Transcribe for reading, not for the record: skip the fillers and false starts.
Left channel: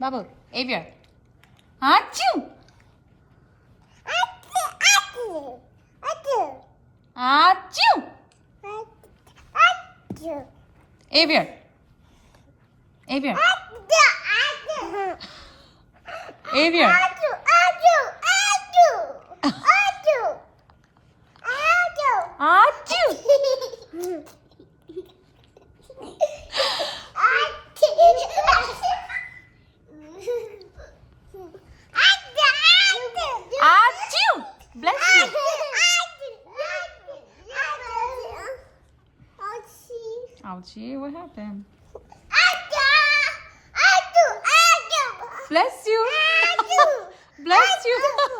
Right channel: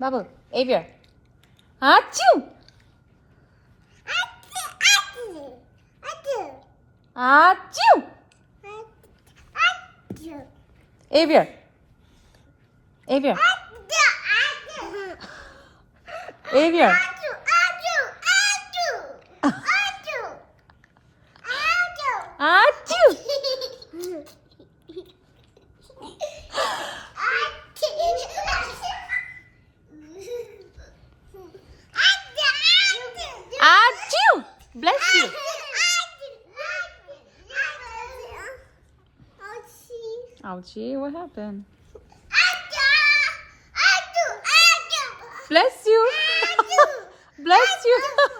Bubble. Avier. Achoo! Achoo! Avier. Avier. Avier. Achoo! Achoo! Bless you. Ouchie, what happened? Bless you. Bless you.